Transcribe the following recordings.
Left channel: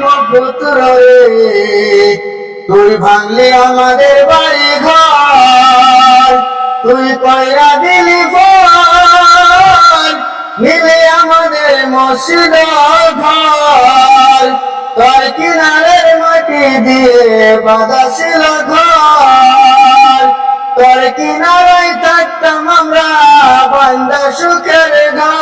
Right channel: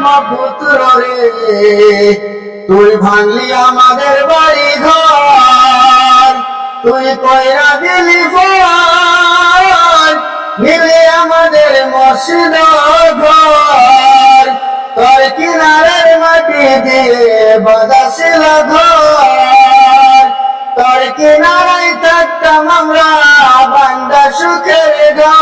ব্রহ্মপুত্র রে তুই ভাঙলি আমাদের বাড়ি ঘর, তুই কয়রা দিলি মিলে আমাদের মসজিদ ঘর, তোর কিনারের মাটি দিয়ে বাজাছিল ঘর, তোর কিনারাই থাকতাম আমরা বান্দা সুখের ঘর।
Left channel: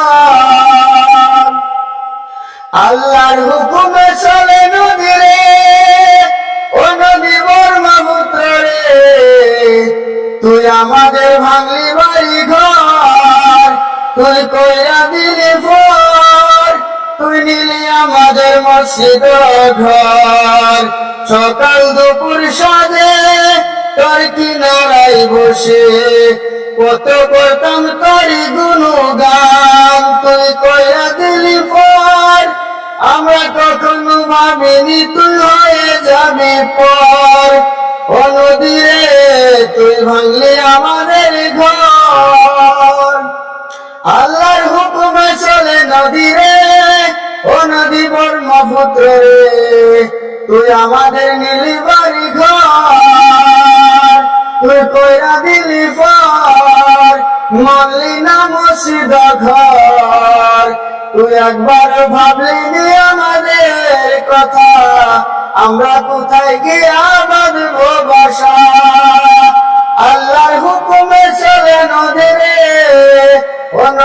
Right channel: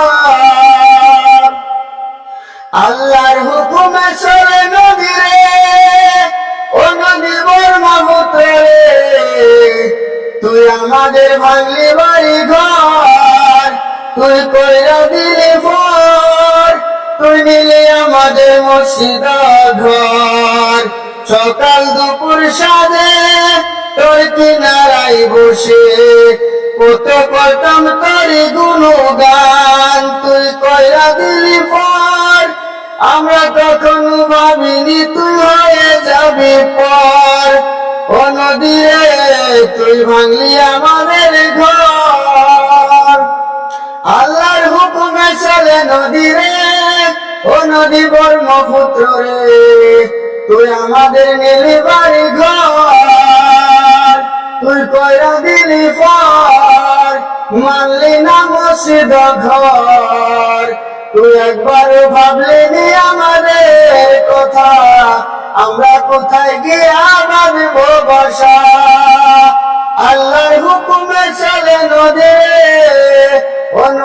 আমাদের ভাঙলি বাড়ি ঘর। তুই কইরা দিলি ফোর তুই নিলি আমাদের মসজিদ ঘর। সকাল দুপুর সাজে তোর কিনারাই বসে, কত করতাম করি গুণগান। ভাঙলি আমাদের ঘর। আল্লাহর হুকুমে চলে নদী রে, ও নদী ব্রহ্মপুত্র রে, তুই আমাদের নীলি বাড়ি ঘর। তুই কইরা দিলি পর, মানলি না মসজিদ ঘর। তুই একবার ভাবলি নি আমাদের কথা, আমরা কোথায় গিয়া বাঁধব বাসা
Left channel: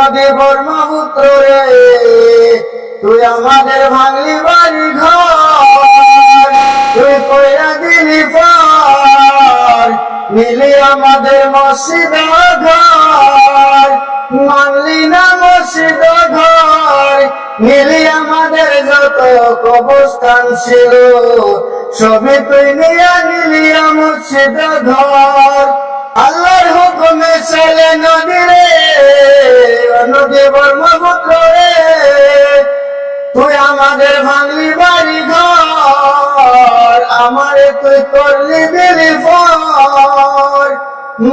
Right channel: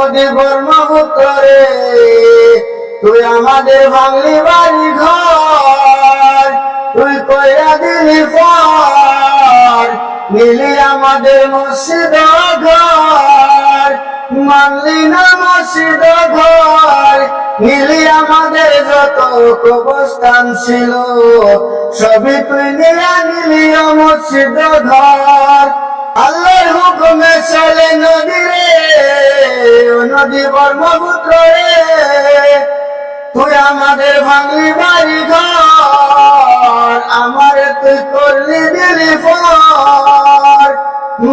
নদী ব্রহ্মপুত্র রে তুই আমাদের ভাঙলি বাড়ি ঘর, তুই কইরা দিলি পর আমাদের মসজিদ ঘর, মানলি না মসজিদ ঘর, মিলি আমাদের যত কবস্থান ছিল, সবই তুই নিয়ে নিলি মসজিদ ঘর। নদী ব্রহ্মপুত্র রে, তুই আমাদের ভাঙলি বাড়ি ঘর, আমারে তুই করলি দিলি ফর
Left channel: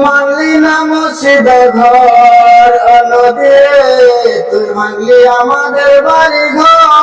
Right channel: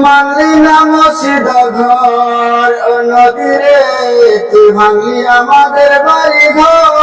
মানলি না মসজিদ ঘর নদী তুই ভাঙলি আমাদের বাড়ি ঘর।